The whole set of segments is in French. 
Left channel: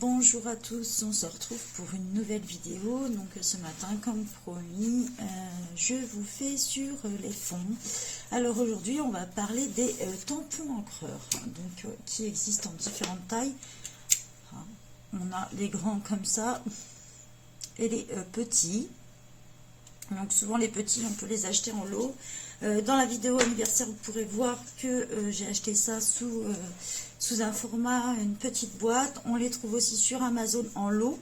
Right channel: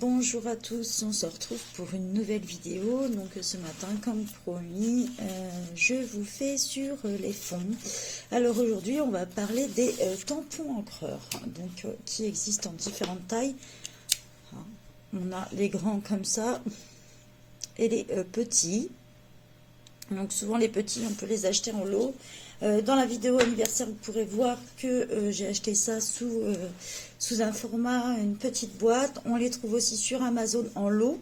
Bonjour à tous, on se retrouve pour une nouvelle vidéo. Donc ce matin, comme promis, je vous fais sur les fonds. Alors aujourd'hui, on va parler des tampons encreurs, donc qui existent en différentes tailles. On a les grands comme ça et les petits. Donc souvent les petits, on peut les acheter en lot. Dans la vidéo anniversaire, vous pourrez voir que j'ai acheté ça sous un format, une petite boîte. On les trouve aussi sur Amazon en lot.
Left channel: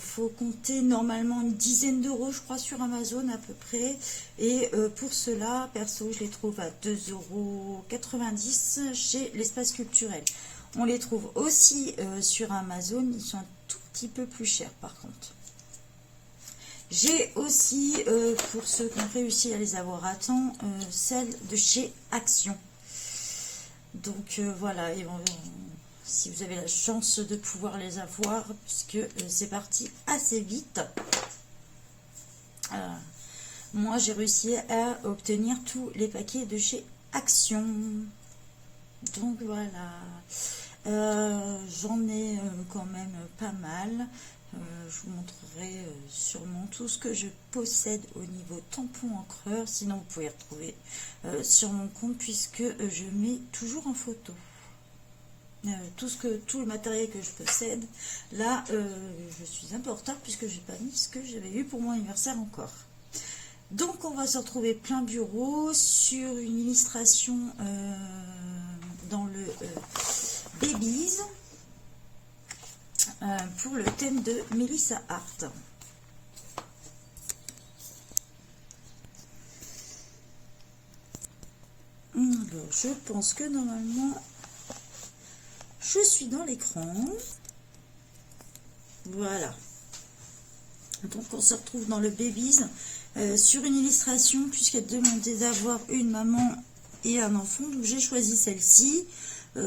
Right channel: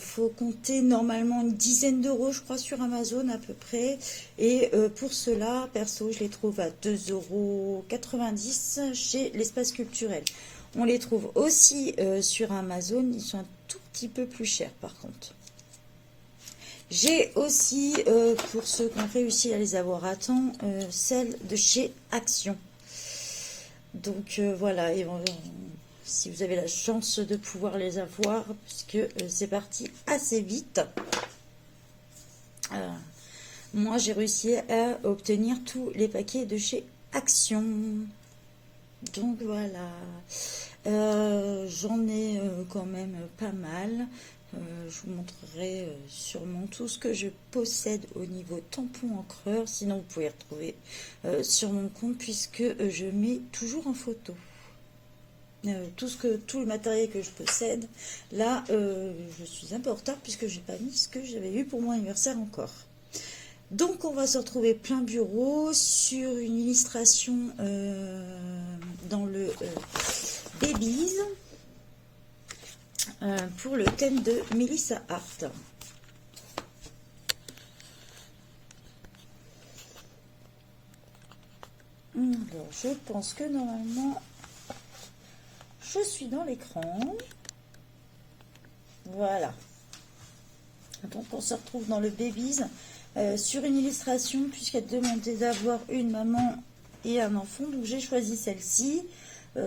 Faut compter normalement une dizaine d'euros, je crois, sur Amazon à peu près. Et pour cela, perso, je les trouve à 2,90 € chez l'Espace Culturel. On les trouve aussi sur Amazon. Ils sont un tout petit peu plus chers par contre. J'ai aussi, pour ceux qui ont réussi à les avoir à temps, celles de chez Action. Donc voilà, et si vous avez la chance de pouvoir les avoir, puisque c'est parti assez vite. Moi, j'ai réussi à obtenir tous les paquets de chez Action. Donc voilà, j'en ai quand même pas mal. Je vous montrerai sûrement tout ce que je possède au niveau tampon encreur. Sinon, vous pouvez retrouver sur mon compte puisque je mets toujours en photo tout le matériel que je possède. Là, je suis un peu en retard puisque j'ai pas mis ce que j'avais eu pour mon anniversaire encore. Donc, on va se retrouver plein bureau sur une illustration dans le Babies. Pour le thème de Melissa Hart. Alors, je pense que normalement, je suis dans l'écran. Voilà. Donc, on se retrouve dans le Babies sur une illustration, puisqu'elle demandait d'avoir une maman et un enfant. Donc, j'ai choisi celle-ci.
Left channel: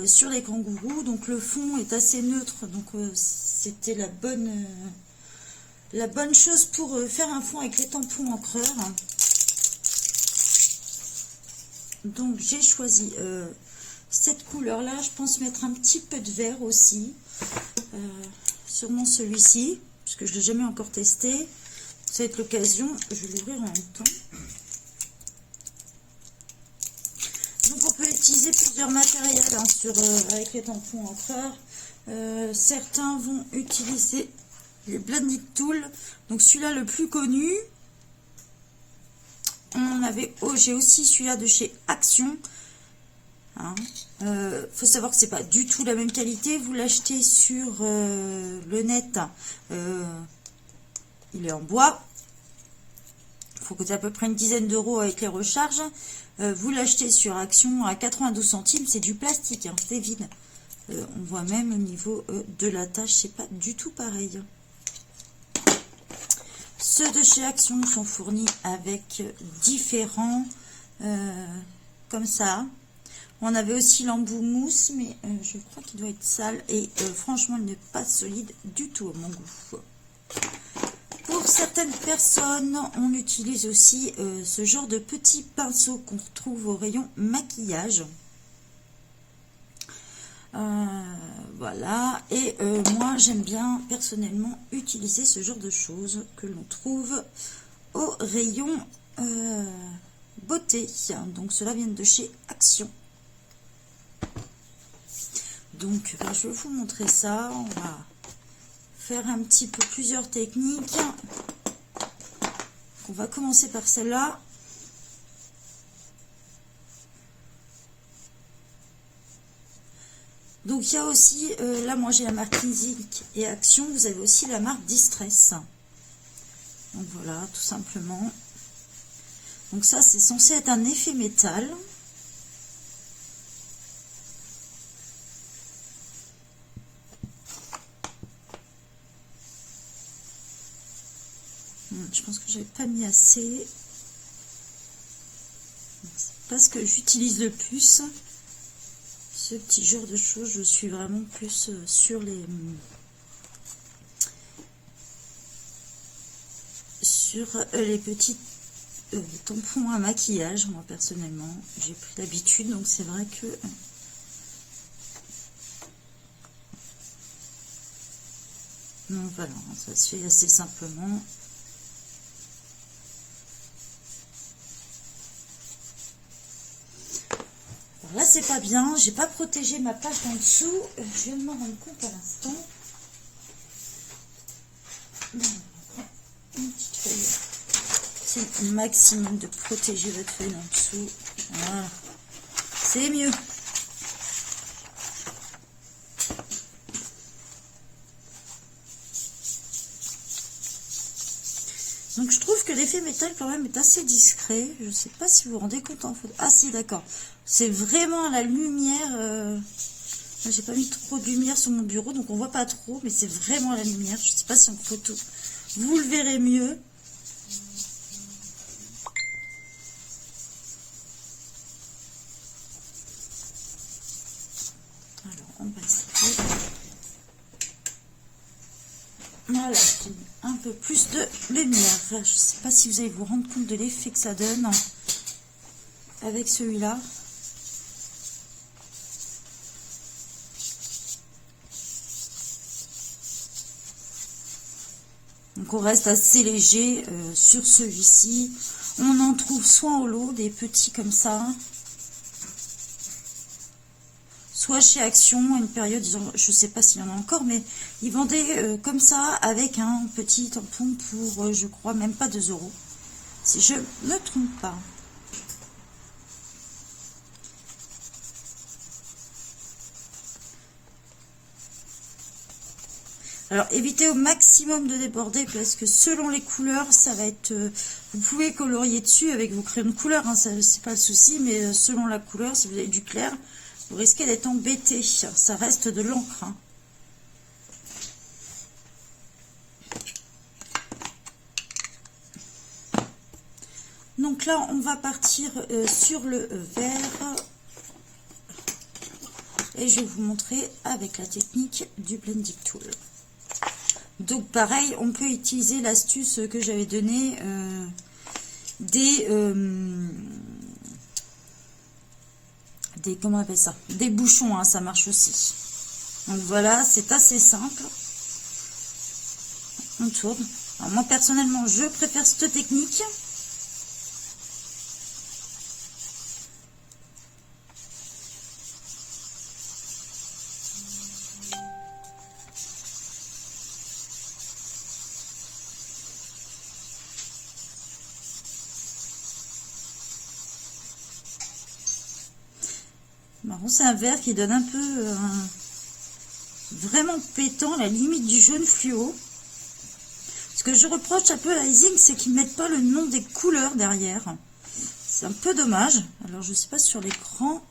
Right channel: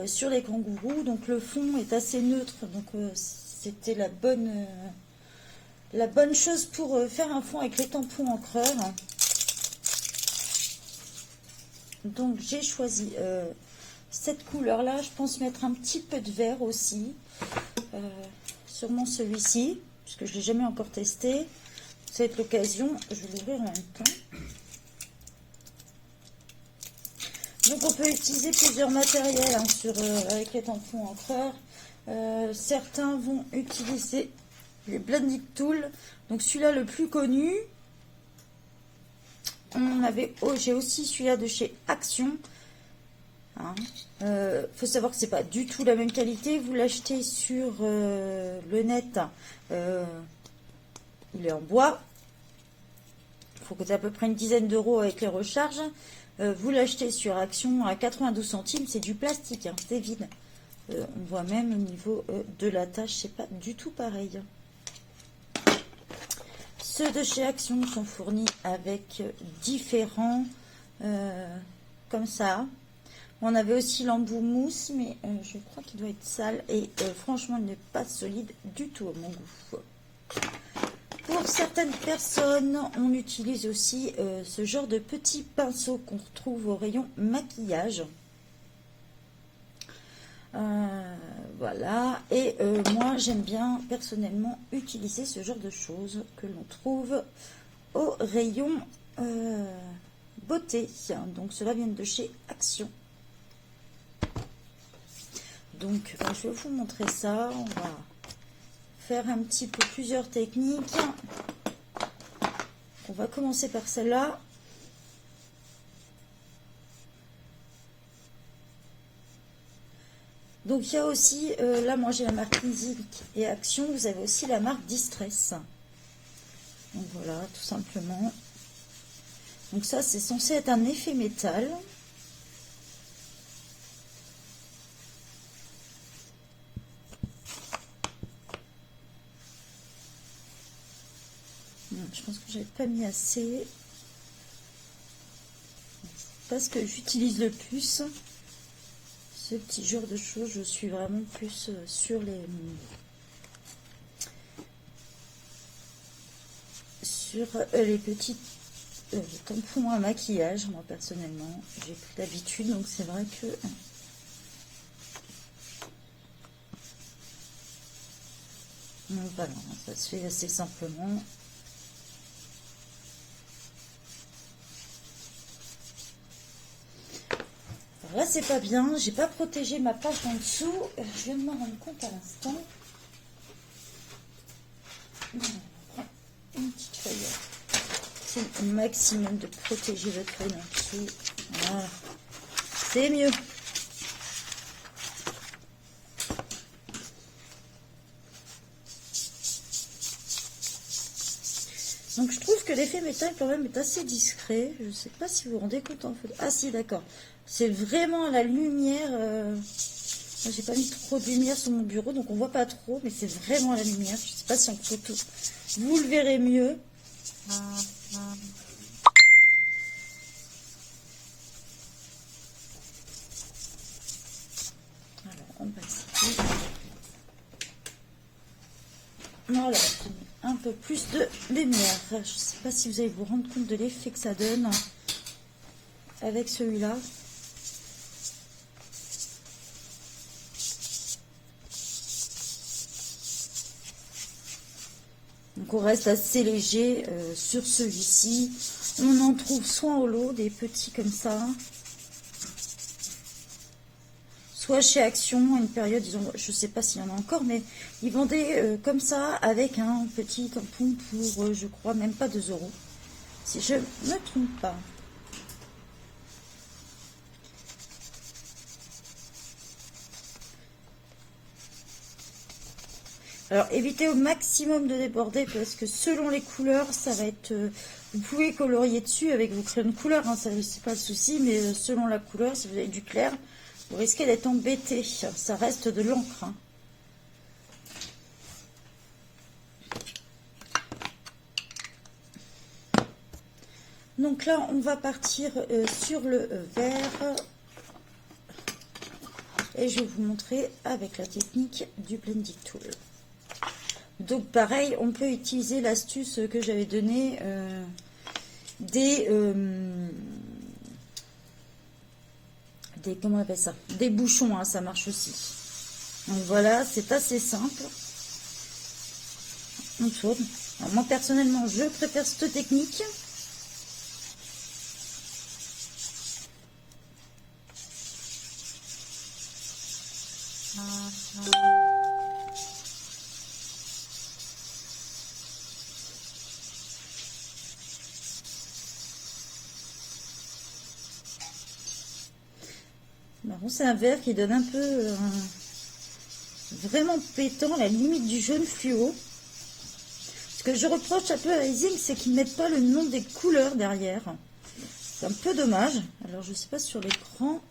Sur les kangourous, donc le fond est assez neutre, donc c'était la bonne chose pour faire un fond avec les tampons encreurs. Donc j'ai choisi cette couleur là. Je pense mettre un petit peu de vert aussi, sûrement celui-ci puisque je l'ai jamais encore testé. Ça va être l'occasion, je vais l'ouvrir en même temps. Donc on peut utiliser plusieurs matériels avec les tampons encreurs. Certains vont utiliser les blending tools. Donc celui-là le plus connu. J'ai aussi celui-là de chez Action. Faut savoir que c'est pas du tout la même qualité. Vous l'achetez sur le net. Il est en bois. Il faut coûter à peu près une dizaine d'euros avec les recharges. Vous l'achetez sur Action à 92 centimes, c'est du plastique, hein, c'est vide. On voit même au niveau de la tâche, c'est pas du tout pareil. Ceux de chez Action sont fournis avec différents, comme ça. On avait aussi l'embout mousse, mais je crois qu'il doit être sale et franchement, il n'est pas solide du tout à mon goût. Pour certaines personnes, on utilise aussi ce genre de petits pinceaux qu'on retrouve au rayon maquillage. Voilà. Et moi, j'aime bien personnellement utiliser ce genre de choses que l'on trouve au rayon beauté. Donc, cela vient de chez Action. Donc, je vais vous montrer ça. On va faire un petit peu plusieurs techniques. On va commencer par celle-là. Donc il y a aussi, là moi j'ai la marque Inzik et Action, vous avez aussi la marque Distress. Donc voilà, tout simplement. Donc ça c'est censé être un effet métal. Je pense que j'avais pas mis assez. C'est pas ce que j'utilise le plus. Ce petit genre de choses, je suis vraiment plus sur les petits tampons à maquillage. Moi personnellement, j'ai pris l'habitude, donc c'est vrai que Donc voilà, ça se fait assez simplement. Là, c'est pas bien. J'ai pas protégé ma page en dessous. Je viens de m'en rendre compte à l'instant. Une petite feuille. C'est le maximum de protéger votre feuille en dessous. Voilà. C'est mieux. Donc je trouve que l'effet métal quand même est assez discret. Je ne sais pas si vous vous rendez compte en photo. Ah si, d'accord. C'est vraiment à la lumière. J'ai pas mis trop de lumière sur mon bureau, donc on voit pas trop, mais c'est vraiment à la lumière. Je ne sais pas si en photo vous le verrez mieux. Alors on va essayer. Voilà, j'ai mis un peu plus de lumière. Je ne sais pas si vous allez vous rendre compte de l'effet que ça donne avec celui-là. Donc on reste assez léger sur celui-ci. On en trouve soit en lot, des petits comme ça, soit chez Action, à une période, je ne sais pas s'il y en a encore, mais ils vendaient comme ça avec un petit tampon pour, je crois, même pas 2 €, si je ne me trompe pas. Alors, évitez au maximum de déborder parce que selon les couleurs, ça va être... vous pouvez colorier dessus avec vos crayons de couleur, hein, ça c'est pas le souci, mais selon la couleur, si vous avez du clair, vous risquez d'être embêté. Ça reste de l'encre. Hein. Donc là, on va partir sur le vert. Et je vais vous montrer avec la technique du Blending Tool. Donc pareil, on peut utiliser l'astuce que j'avais donnée des comment on appelle ça, des bouchons, hein, ça marche aussi. Donc voilà, c'est assez simple. On tourne. Alors, moi personnellement, je préfère cette technique. C'est un vert qui donne un peu vraiment pétant, la limite du jaune fluo. Ce que je reproche un peu à Ising, c'est qu'ils ne mettent pas le nom des couleurs derrière. C'est un peu dommage. Alors je sais pas sur les grands.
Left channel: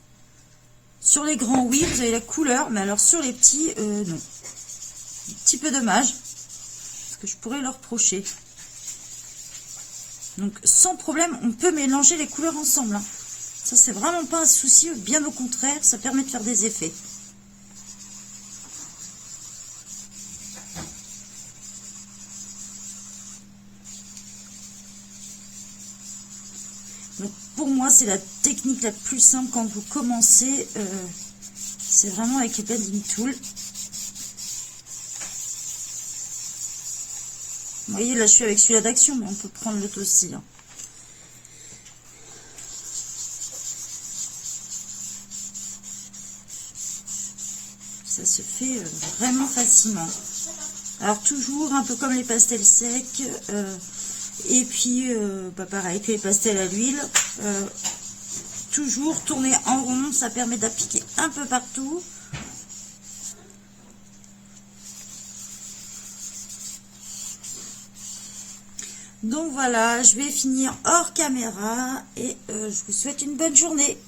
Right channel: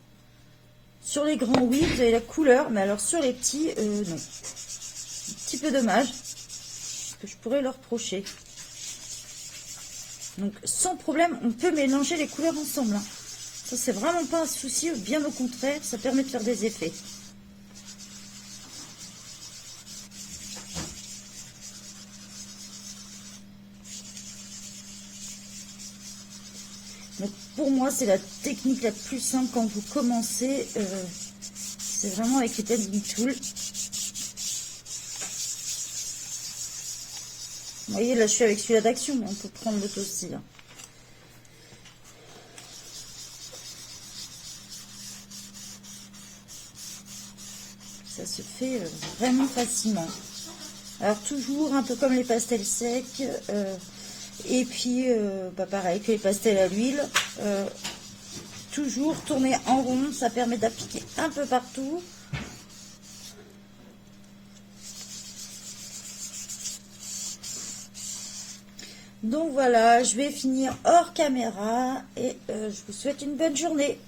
Sur les grands, oui, vous avez la couleur, mais alors sur les petits, non. Un petit peu dommage. Parce que je pourrais leur reprocher. Donc sans problème, on peut mélanger les couleurs ensemble. Hein. Ça, c'est vraiment pas un souci, bien au contraire, ça permet de faire des effets. Donc, pour moi, c'est la technique la plus simple quand vous commencez. C'est vraiment avec les Blending Tool. Vous voyez, là, je suis avec celui-là d'Action, mais on peut prendre l'autre aussi. Hein. Ça se fait vraiment facilement. Alors toujours un peu comme les pastels secs, et puis pareil que les pastels à l'huile, toujours tourner en rond, ça permet d'appliquer un peu partout. Donc voilà, je vais finir hors caméra et je vous souhaite une bonne journée.